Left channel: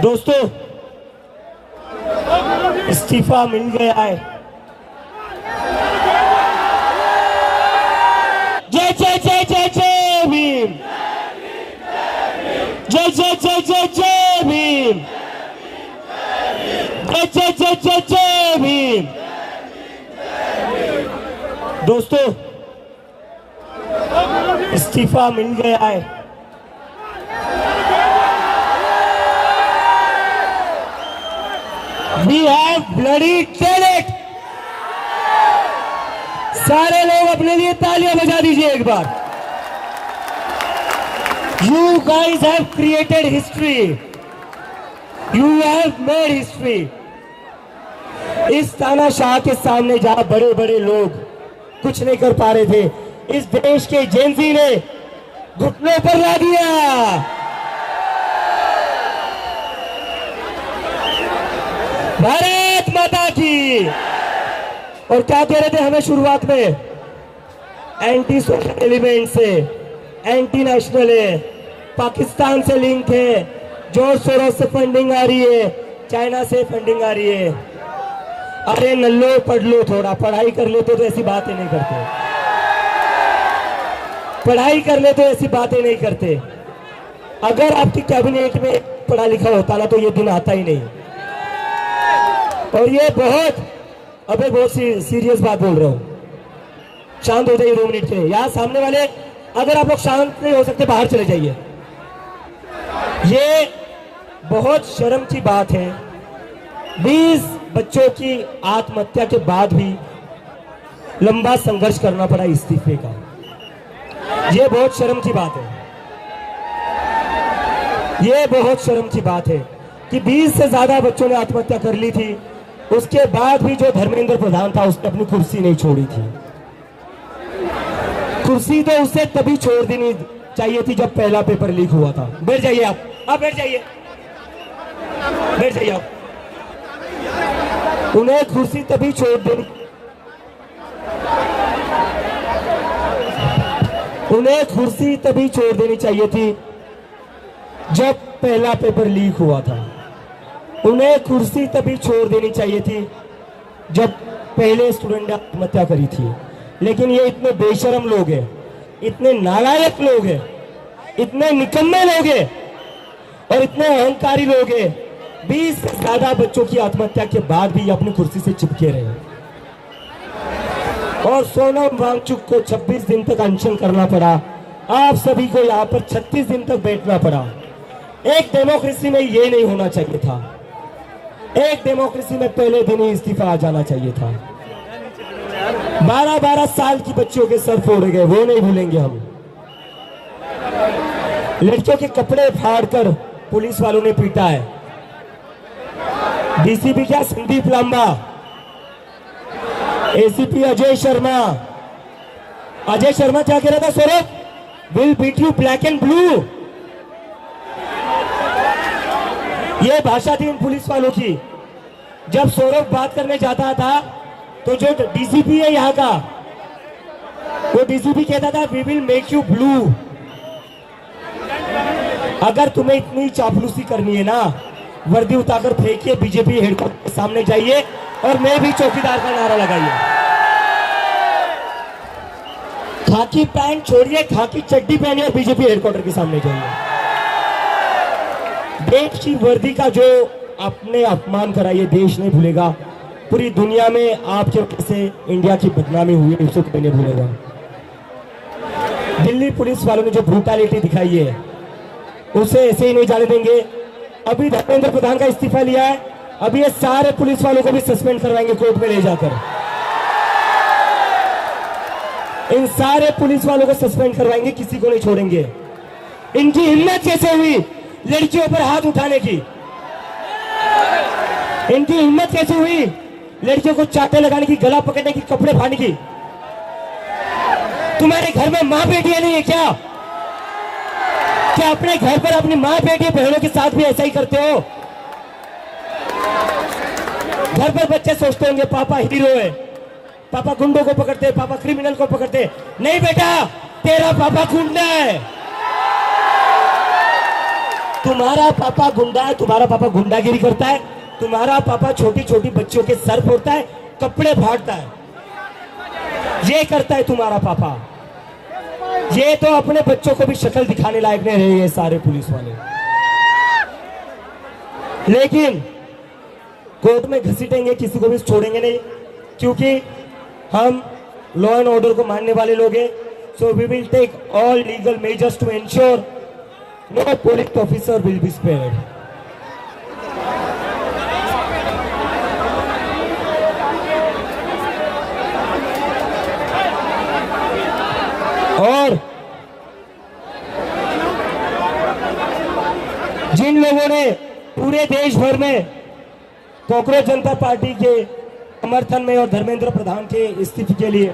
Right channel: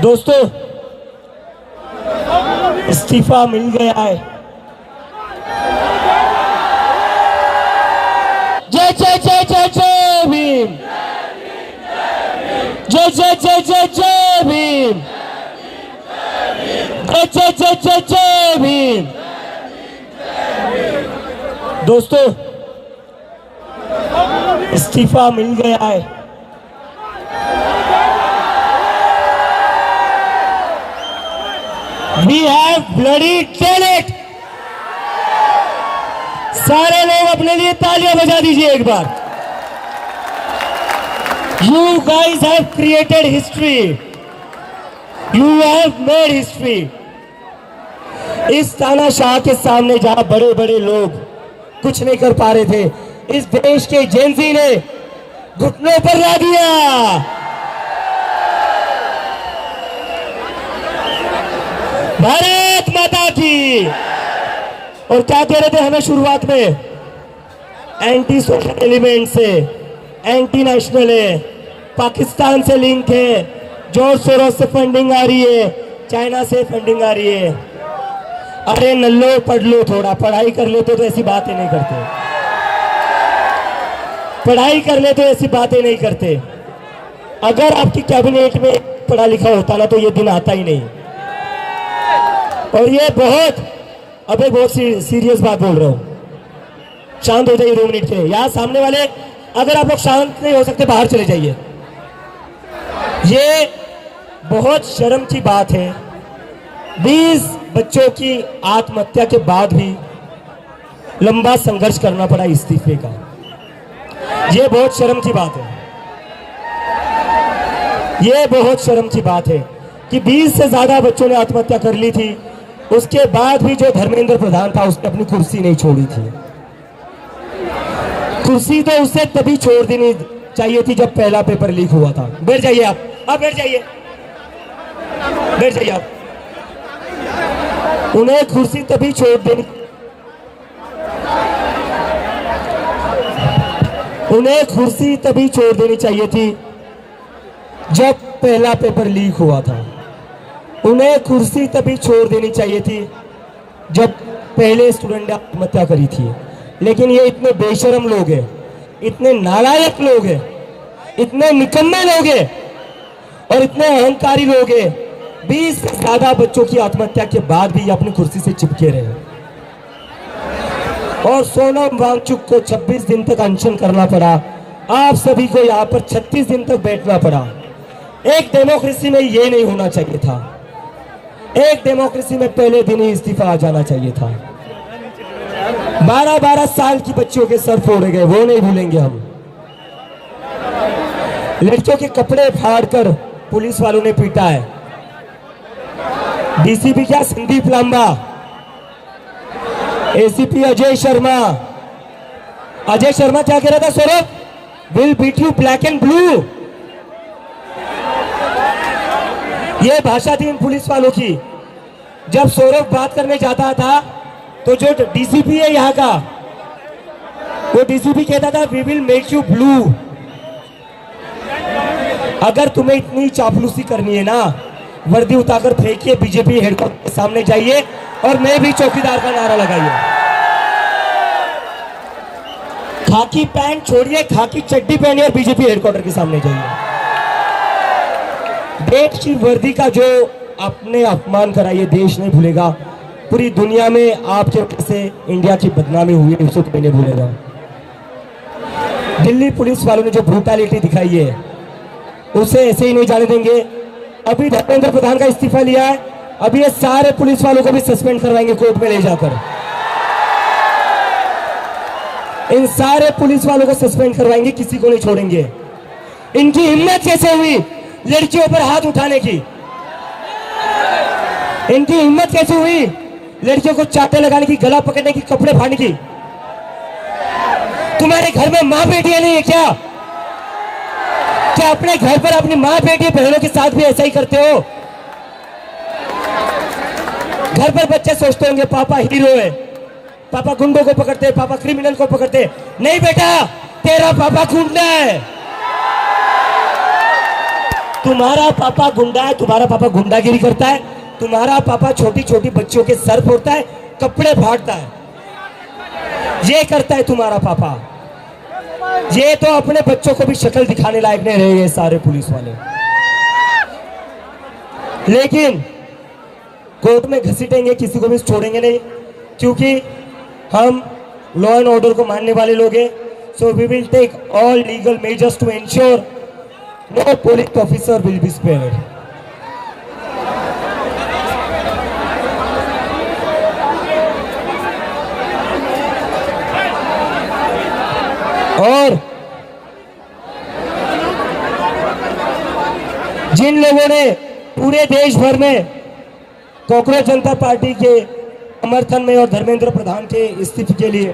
दोस्तों, इस्तीफा मिल गया है। जय जय जय जय जय भीम, जय जय जय जय जय भीम, जय जय जय जय जय भीम। दोस्तों, इस्तीफा मिल गया है। We have bloody done it। सारे लोग अपने लिए तालियां बजा दीजिए एक बार। You guys have created history। You have made history। इस तानाशाह के सामने जहां बड़े बड़े लोग कुछ नहीं कर पा रहे थे, इस देश के जेनजी ने घुटनों पर ला दिया। भारत माता की। और क्या कह रहे थे हमें शुरुआत में? एंटी सोशल एलिमेंट से, एंटी नेशनल है, पाकिस्तान से लिंक है, जॉर्ज सोरोस से फंडिंग आ रही है, चाइना से फंडिंग आ रही है। अरे नल्लो पढ़ लो, थोड़ा पढ़ाई कर लेते तो ऐसी बातें नहीं करते। पढ़ाई कर ले तो ऐसी बातें नहीं करते। अगर आपकी कैबिनेट में पढ़ा लिखा होता ना तो ये दिन आता ही नहीं। और ये बहुत सीरियस बात बोल रहा हूं। शांत हो जाइए 2 मिनट के। यहां सामने वाले अगर आप लोग शांत नहीं हो सकते बाहर चले जाइए। ये बहुत शर्म की बात है। 20 बच्चों की आत्महत्या के बाद भी लंबा संघर्ष करना पड़ा इस्तीफे का। ये बहुत शर्म की बात है। ये बहुत शर्म की बात है कि 20 से ज्यादा बच्चों ने आत्महत्या कर ली थी। उसके बाद भी जो धर्मेंद्र प्रधान था उसने अपनी कुर्सी नहीं छोड़ी थी। कुर्सी तो उसे तभी छोड़ देनी चाहिए थी जब पहला पेपर लीक हुआ था। बैठ जाइए आप बैठ जाइए, बैठ जाइए आप। उन्हें कुर्सी तभी छोड़ देनी, उन्हें कुर्सी तभी छोड़ देनी चाहिए थी जब पहला पेपर लीक हुआ था। उन्हें कुर्सी तभी छोड़ देनी चाहिए थी जब पहले स्टूडेंट ने आत्महत्या करी थी। लेकिन ये इतने बेशरम लोग हैं, इतने नालायक लोग हैं, इतने निकम्मे लोग हैं और इतने अहंकारी लोग हैं। 20 से ज्यादा बच्चों की आत्महत्या के बाद भी अपनी कुर्सी से चिपके रहे। और सोनम वांगचुक को 26 दिन तक अनशन करना पड़ा। आप सभी को यहाँ पर 36 दिन तक बैठना पड़ा। एक डेमोक्रेसी में ये नहीं होना चाहिए था। एक डेमोक्रेसी में पहले दिन ही इस्तीफा आ जाना चाहिए था। 12-12 साल की बच्चियों के सर फोड़े गए, वो नहीं भूलेंगे हम। लड़कियों के कपड़े फाड़कर पुलिस वालों ने पीटा है। डीसीपी क्या संदीप लांबा, एसीपी अजय शर्मा क्या कह रहा था? Saurabh will beat you black and blue. ये भाषा थी इन पुलिस वालों की। जब सौरभ बात करने जाता था तो जो डीसीपी है यहाँ का, वो डीसीपी कहता था we will make you blue. अगर तुम्हें इतनी चापलूसी करनी है ना, वर्दी उतारकर फेंकिए, बीजेपी हेडक्वार्टर के सामने जाइए और मैं भी चौकीदार का नारा लगाइए। खाकी पैंट छोड़िए, खाकी चड्डी पहनिए और बीजेपी हेडक्वार्टर के सामने जाइए। देश की वर्दी का जो आपने अपमान करा ये देश नहीं भूलेगा। पूरी दुनिया में आपके वजह से इंडिया की बदनामी हुई है, उसको कोई नहीं भूलेगा। दिल्ली पुलिस वालों ने जो ब्रूटैलिटी दिखाई है उसे ऐसे ही नहीं जाने देंगे। अभी धर्मेंद्र प्रधान का इस्तीफा लिया है, अभी ये सारे पुलिस वालों को भी सस्पेंड करवाएंगे कोर्ट में ले जाकर। इन सारे पुलिस वालों को सस्पेंड करवाएंगे, किसी को नहीं छोड़ेंगे। इनकी हिम्मत कैसे हुई लड़कियों पर हाथ उठाने की? इनकी हिम्मत कैसे हुई लड़कियों को चाटे लगाने की, गला पकड़ने की, कपड़े फाड़ने की? तुम्हारे घर में माँ बेटियां नहीं है क्या? क्या अपने घर पर अपनी माँ बेटी बहनों के साथ भी ऐसा ही करते हो? घर पर बच्चे सोचते होंगे पापा हीरो है, पापा गुंडों को पकड़ते, पापा क्रिमिनल को पकड़ते। नहीं बेटा, तेरा पापा गुंडा है। तुम्हारा पापा गुंडा है, तुम्हारा पापा गुंडागिरी करता है, तुम्हारा पापा छोटी छोटी बच्चियों के सर फोड़ता है, कपड़े फाड़ता है, ये करता है तुम्हारा पापा। ये तो अपने बच्चों को भी शक्ल दिखाने लायक नहीं रहे ये सारे पुलिस वाले। लेकिन कोर्ट में घसीटेंगे, किसी को भी छोड़ेंगे नहीं, क्योंकि हम लॉ एंड ऑर्डर को मानने वाले लोग हैं। So we will take all legal measures to ensure no police officer will be spared. और जिन लोगों ने पूरे देश भर में कांग्रेस जनता पार्टी के समर्थन में और धर्मेंद्र प्रधान के इस्तीफे के लिए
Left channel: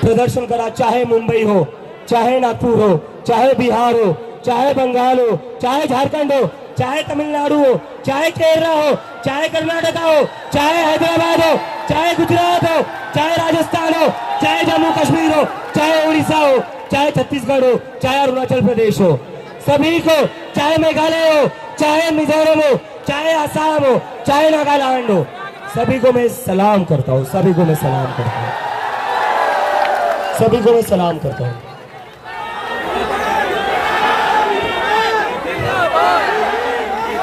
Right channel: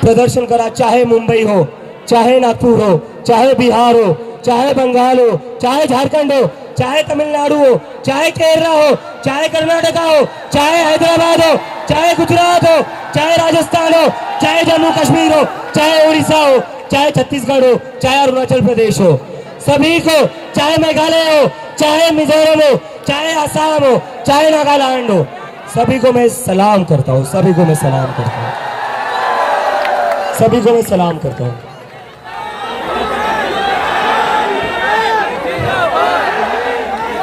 प्रदर्शन करा, चाहे मुंबई हो, चाहे नागपुर हो, चाहे बिहार हो, चाहे बंगाल हो, चाहे झारखंड हो, चाहे तमिलनाडु हो, चाहे केरला हो, चाहे कर्नाटका हो, चाहे हैदराबाद हो, चाहे गुजरात हो, चाहे राजस्थान हो, चाहे जम्मू कश्मीर हो, चाहे उड़ीसा हो, चाहे छत्तीसगढ़ हो, चाहे अरुणाचल प्रदेश हो, सभी को, चाहे मेघालय हो, चाहे मिजोरम हो, चाहे असम हो, चाहे नागालैंड हो, सभी को मैं सलाम करता हूँ, सभी को मैं सलाम करता हूँ, सभी को मैं सलाम करता हूँ।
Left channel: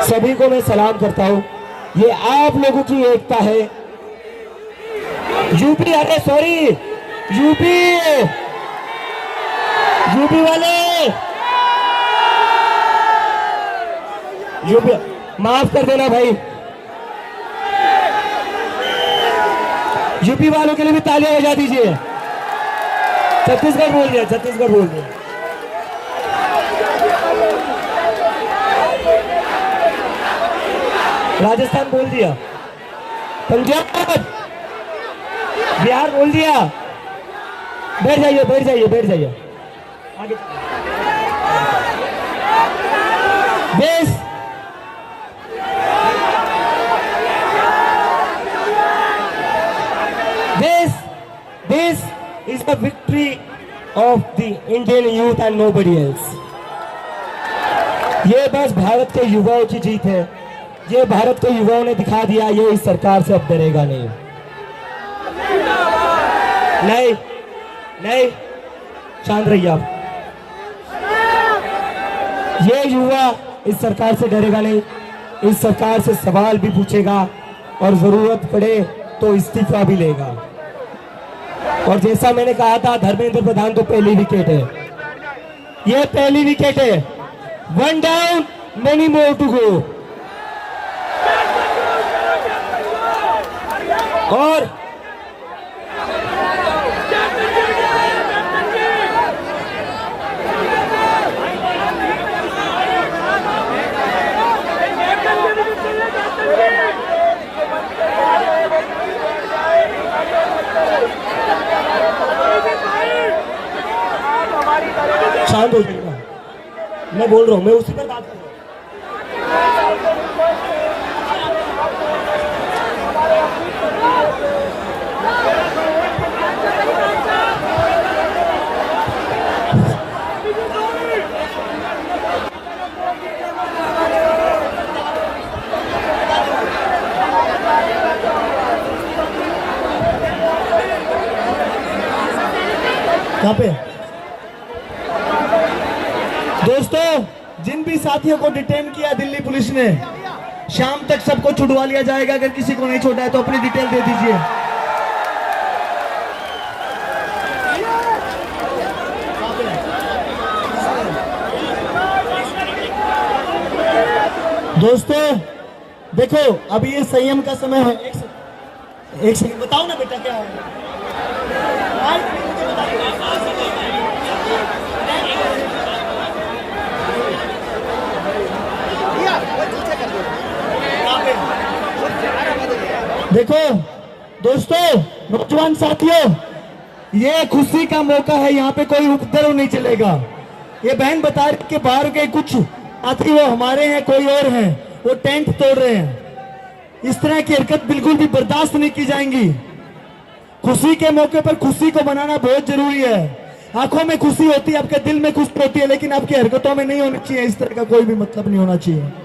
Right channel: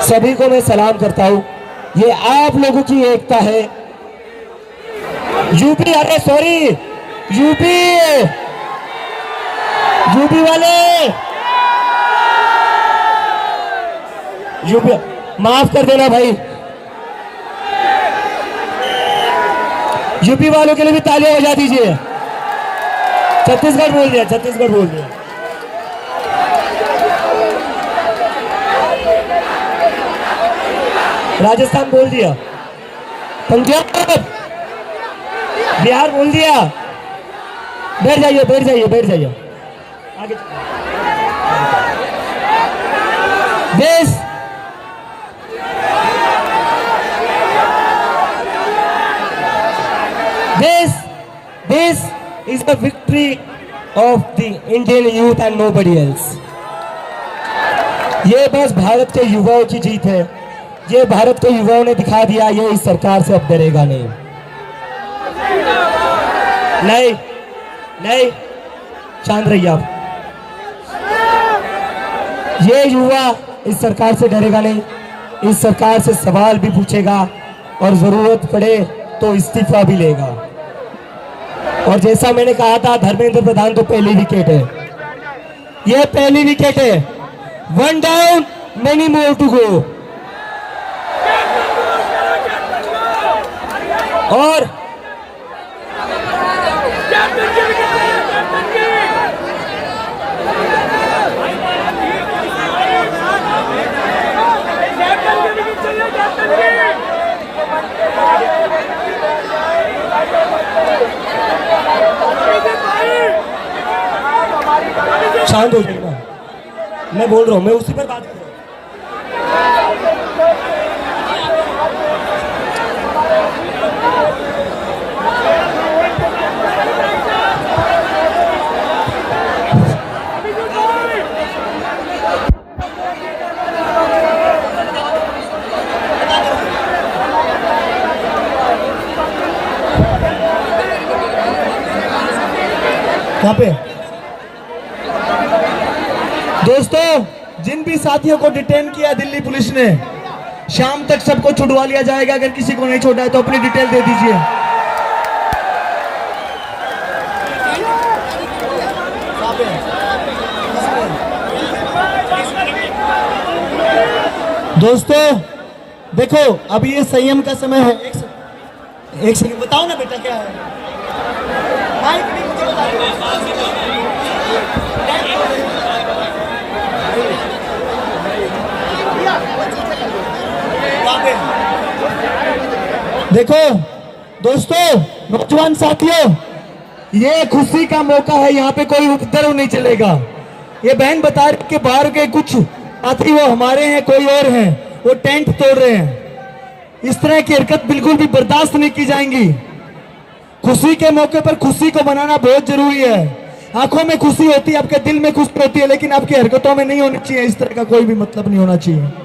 सभी को मैं सलाम करता हूँ। ये आप लोगों की एकता है। यूपी, अरे सॉरी, यूपी वाले, यूपी माफ कर देना भाई। यूपी वालों के लिए भी तालियां बजा दीजिए। छत्तीसगढ़ बोल दिया, छत्तीसगढ़ बोल दिया। राजस्थान बोल दिया, पंजाब, बिहार बोल दिया। बैठ जाइए, बैठ जाइए, बैठ जाइए। आगे this is the victory of the Indian youth and nobody else. ये बस भारत के युवाओं की जीत है। ये भारत के युवाओं ने दिखा दिया, ये इस सरकार से अब डरेगा नहीं। नहीं नहीं, शांत रहिए आप। ये युवा इस सरकार से डरेगा नहीं, इस सरकार से सवाल भी पूछेगा और जरूरत पड़े तो इस्तीफा भी लेगा। और जैसा मैंने कहा था, धर्मेंद्र प्रधान तो पहली विकेट है, ये पहली विकेट है। One down, many more to go. और शांत हो जाएगा, मैं बोल रहा हूं, मैं उसी पर बात कर रहा हूं। कहां पे? दोस्तों, जिन भी साथियों को डिटेन किया दिल्ली पुलिस ने, शाम तक सबको छुड़वा लिया जाएगा। अगर किसी को नहीं छोड़ा है तो अपनी डिटेल दे दीजिए। दोस्तों देखो, अभी ये संयम का समय है। एक सेकंड बताओ ना बेटा, क्या है? देखो दोस्तों, नौजवान साथियों, ये खुशी का मौका है, यहाँ पे कोई उपद्रव नहीं चलेगा। ये बहन बता रही कि बाहर के कुछ साथी वो हमारे हैं, कोई और हैं, वो टेंट तोड़ रहे हैं। इस तरह की हरकत बिल्कुल भी बर्दाश्त नहीं की जाएंगी। खुशी के मौके पर खुशी को मनाना बहुत जरूरी है। आंखों में खुशी होती है, आपके दिल में खुशी होती है, लेकिन आपकी हरकतों में नहीं होनी चाहिए। इस तरह का कोई भी मतलब नहीं होना चाहिए।